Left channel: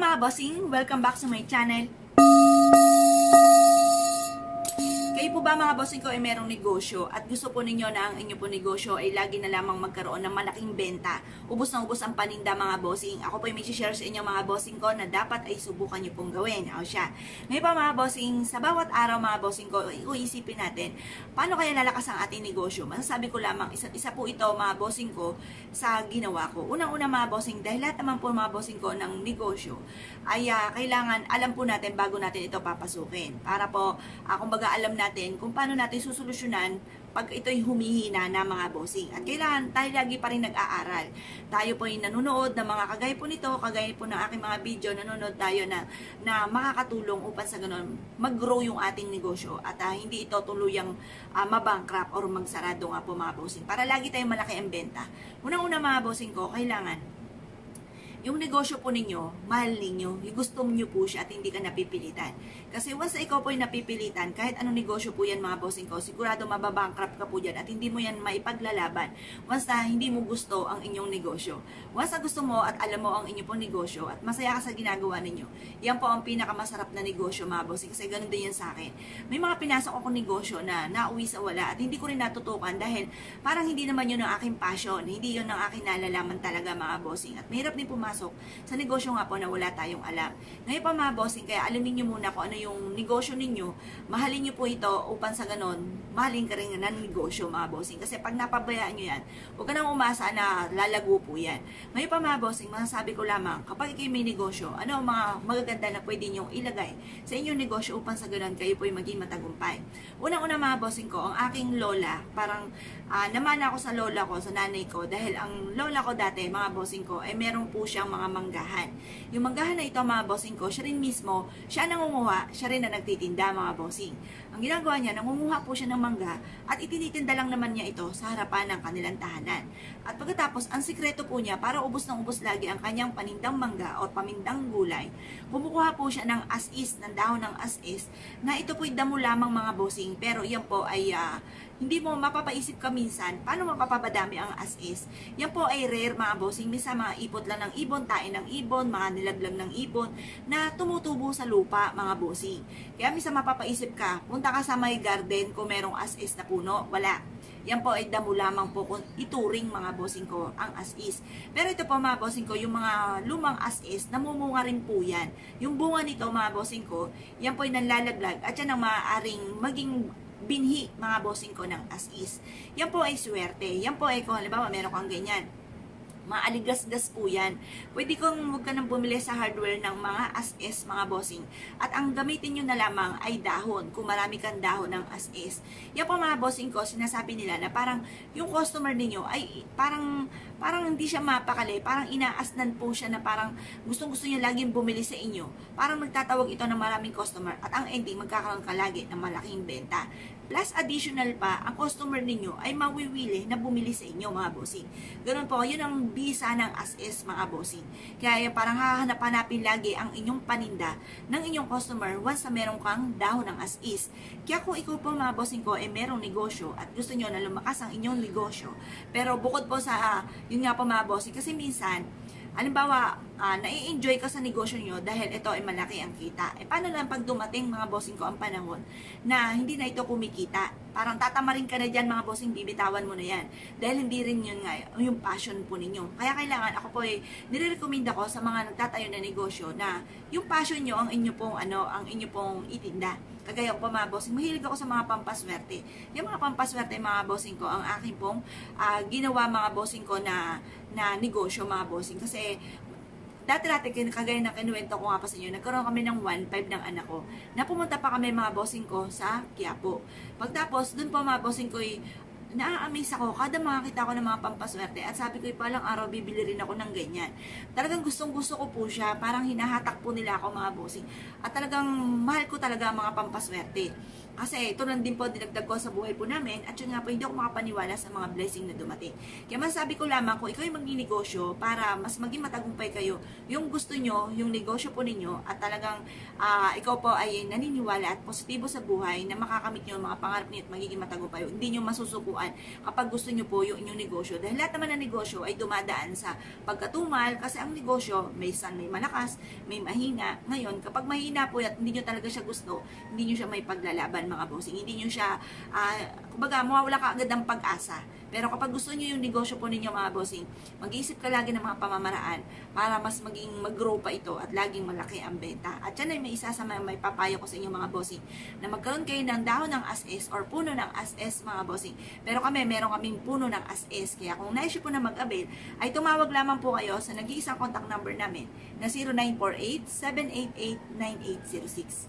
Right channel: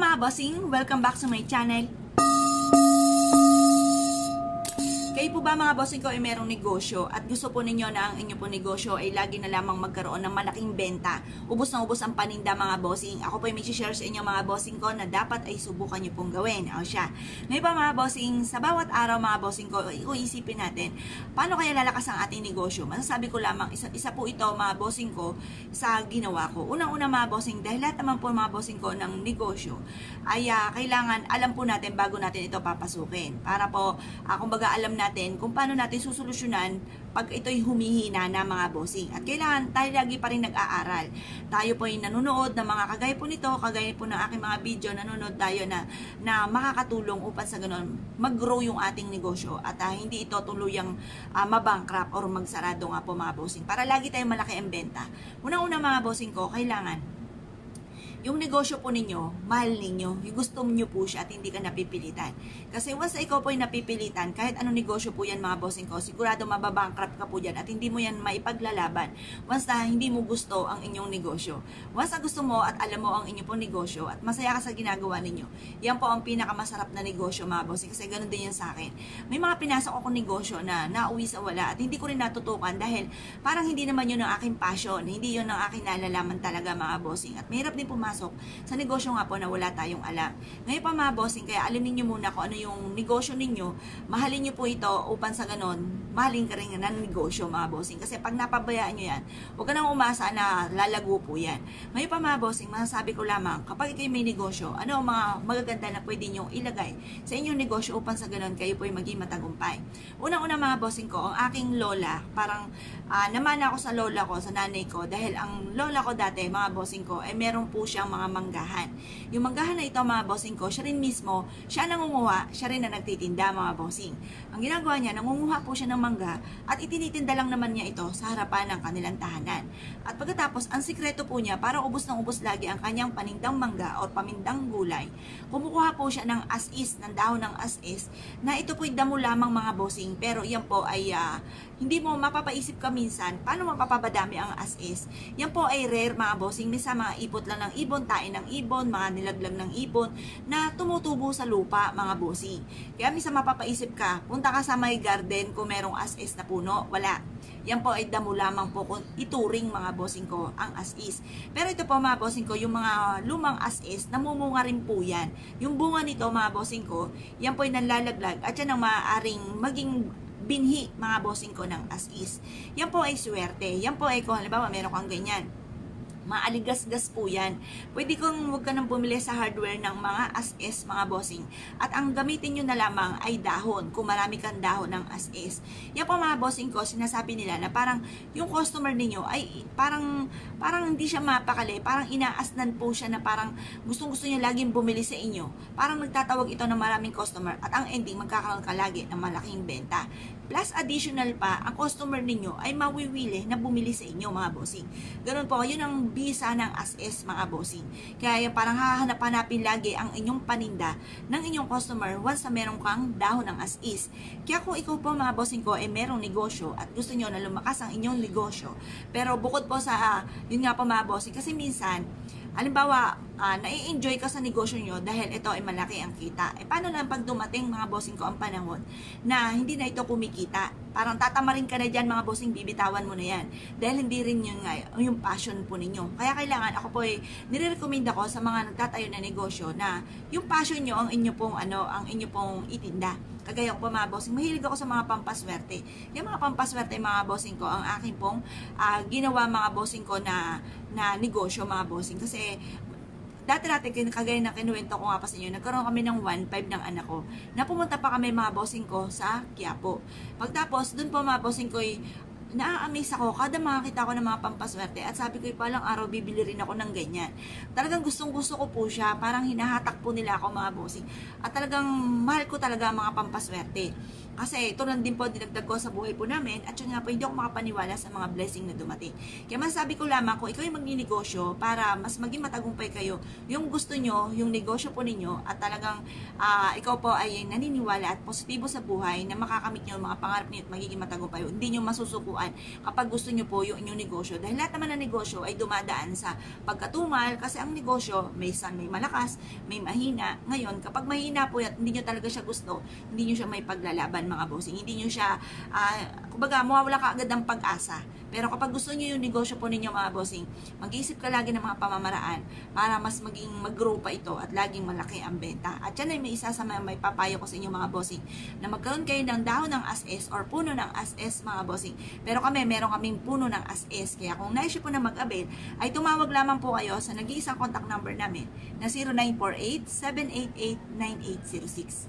mga bossing! Welcome back sa my channel. Kayo po ba mga bossing ko ay merong negosyo at gusto po ninyo na ang inyo po negosyo ay lagi na lamang magkaroon ng malaking benta? Ubos na ubos ang paninda mga bossing. Ako po ay may share sa inyo mga bossing ko na dapat ay subukan nyo pong gawin. O siya. Ngayon pa mga bossing, sa bawat araw mga bossing ko, iisipin natin, paano kaya lalakas ang ating negosyo? Masasabi ko lamang, isa po ito mga bossing ko sa ginawa ko. Unang-una mga bossing, dahil lahat naman po mga bossing ko ng negosyo, ay kailangan alam po natin bago natin ito papasukin. Para po, kumbaga alam natin kung paano natin susolusyonan pag ito'y humihina na mga bossing. At kailangan tayo lagi pa rin nag-aaral. Tayo po yung nanonood ng mga kagaya po nito, kagaya po ng aking mga video, nanonood tayo na makakatulong upang sa ganun mag-grow yung ating negosyo at hindi ito tuluyang mabankrupt or magsarado nga po mga bossing. Para lagi tayong malaki ang benta. Unang-una mga bossing ko, kailangan yung negosyo po ninyo, mahal ninyo, yung gusto nyo po siya at hindi ka napipilitan. Kasi once ikaw po yung napipilitan, kahit anong negosyo po yan mga bossing ko, sigurado mababankrupt ka po dyan at hindi mo yan maipaglalaban once na hindi mo gusto ang inyong negosyo. Once na gusto mo at alam mo ang inyong pong negosyo at masaya ka sa ginagawa ninyo, yan po ang pinakamasarap na negosyo mga bossing kasi ganun din yan sa akin. May mga pinasok ako negosyo na nauwi sa wala at hindi ko rin natutukan dahil parang hindi naman yun ang aking passion, hindi yun ang aking nalalaman talaga mga bossing at mahirap din pumasok sa negosyo nga po na wala tayong alam. Ngayon pa mga bossing, kaya alamin nyo muna kung ano yung negosyo ninyo, mahalin nyo po ito upang sa ganon, mahalin ka rin ng negosyo mga bossing. Kasi pag napabayaan nyo yan, huwag ka nang umasa na lalago po yan. Ngayon pa mga bossing, masasabi ko lamang, kapag kayo may negosyo, ano ang mga magaganda na pwede nyo ilagay sa inyong negosyo upang sa ganon kayo po ay maging matagumpay. Unang-una mga bossing ko, ang aking lola, parang namana ako sa lola ko, sa nanay ko, dahil ang lola ko dati, mga bossing ko, ay meron po siyang mga manggahan. Yung manggahan na ito mga bossing ko, siya rin mismo, siya nangunguha, siya rin na nagtitinda mga bossing. Ang ginagawa niya, nangunguha po siya ng mangga at itinitinda lang naman niya ito sa harapan ng kanilang tahanan. At pagkatapos, ang sikreto po niya, para ubos ng ubos lagi ang kanyang panindang mangga o pamindang gulay, kumukuha po siya ng as-is, ng dahon ng as-is, na ito po'y damo lamang mga bossing, pero yan po ay hindi mo mapapaisip ka minsan, paano mapapabadami ang as-is? Yan po ay rare mga bossing, minsan mga ipot lang ng ibon, tain ng ibon, mga nilaglag ng ibon, na tumutubo sa lupa mga bossing. Kaya minsan mapapaisip ka, punta ka sa may garden kung merong as-is na puno, wala. Yan po ay damo lamang po kung ituring mga bossing ko ang as-is. Pero ito po mga bossing ko, yung mga lumang as-is, namumunga rin po yan. Yung bunga nito mga bossing ko, yan po ay nanlalaglag at yan ang maaaring maging binhi mga bossing ko ng as-is. Yan po ay swerte. Yan po ay kung halimbawa meron kang ganyan, maaligas-gas po yan. Pwede kong huwag ka nang bumili sa hardware ng mga as-is mga bossing. At ang gamitin nyo na lamang ay dahon. Kung marami kang dahon ng as-is. Yan po mga bossing ko, sinasabi nila na parang yung customer ninyo ay parang hindi siya mapakali. Parang inaasnan po siya na parang gustong-gusto nyo laging bumili sa inyo. Parang nagtatawag ito ng maraming customer. At ang ending, magkakaroon ka lagi ng malaking benta. Plus additional pa, ang customer ninyo ay mawiwili na bumili sa inyo mga bossing. Ganun po, yun ang bisa ng as-is mga bossing. Kaya parang hahanap-hanapin lagi ang inyong paninda ng inyong customer once na meron kang dahon ng as-is. Kaya kung ikaw po mga bossing ko ay merong negosyo at gusto nyo na lumakas ang inyong negosyo, pero bukod po sa, yun nga po mga bossing, kasi minsan, halimbawa, nai-enjoy ka sa negosyo nyo dahil ito ay malaki ang kita. Paano na pag dumating mga bossing ko ang panahon na hindi na ito kumikita? Parang tatamarin ka na dyan mga bossing, bibitawan mo na yan. Dahil hindi rin yun nga, yung passion po ninyo. Kaya kailangan, ako po ay nire-recommend ako sa mga nagtatayo na negosyo na yung passion nyo ang inyo pong, ang inyo pong itinda. Kagaya ko po mga bossing, mahilig ako sa mga pampaswerte. Yung mga pampaswerte mga bossing ko, ang aking pong ginawa mga bossing ko na negosyo mga bossing. Kasi dati kagaya ng kinuwento ko nga pa sa inyo, nagkaroon kami ng 1.5 ng anak ko. Napumunta pa kami mga bossing ko sa Quiapo. Pagtapos, dun po mga bossing ko na-amaze ako, kada makakita ko ng mga pampaswerte at sabi ko palang araw bibili rin ako ng ganyan. Talagang gustong-gusto ko po siya, parang hinahatak po nila ako mga bossing. At talagang mahal ko talaga ang mga pampaswerte. Kasi ito lang din po dinagdag ko sa buhay po namin at yun nga po hindi ako makapaniwala sa mga blessing na dumating. Kaya masabi ko lamang kung ikaw yung magninegosyo para mas maging matagumpay kayo, yung gusto nyo, yung negosyo po ninyo at talagang ikaw po ay naniniwala at positibo sa buhay na makakamit nyo yung mga pangarap niyo at magiging matagumpay. Hindi nyo masusukuan kapag gusto nyo po yung inyong negosyo. Dahil lahat naman ng negosyo ay dumadaan sa pagkatumal kasi ang negosyo may malakas, may mahina. Ngayon, kapag mahina po at hindi nyo talaga siya gusto, hindi nyo siya may paglalaban mga bossing. Hindi nyo siya, kumbaga, mawawala ka agad ng pag-asa. Pero kapag gusto nyo yung negosyo po ninyo mga bossing, mag-iisip ka lagi ng mga pamamaraan para mas maging mag-grow pa ito at laging malaki ang benta. At yan ay may isa sa may papayo ko sa inyo mga bossing, na magkaroon kayo ng dahon ng as-is or puno ng as-is mga bossing. Pero meron kaming puno ng as-is. Kaya kung nais po na mag-avail, ay tumawag lamang po kayo sa nag-iisang contact number namin na 0948-788-9806.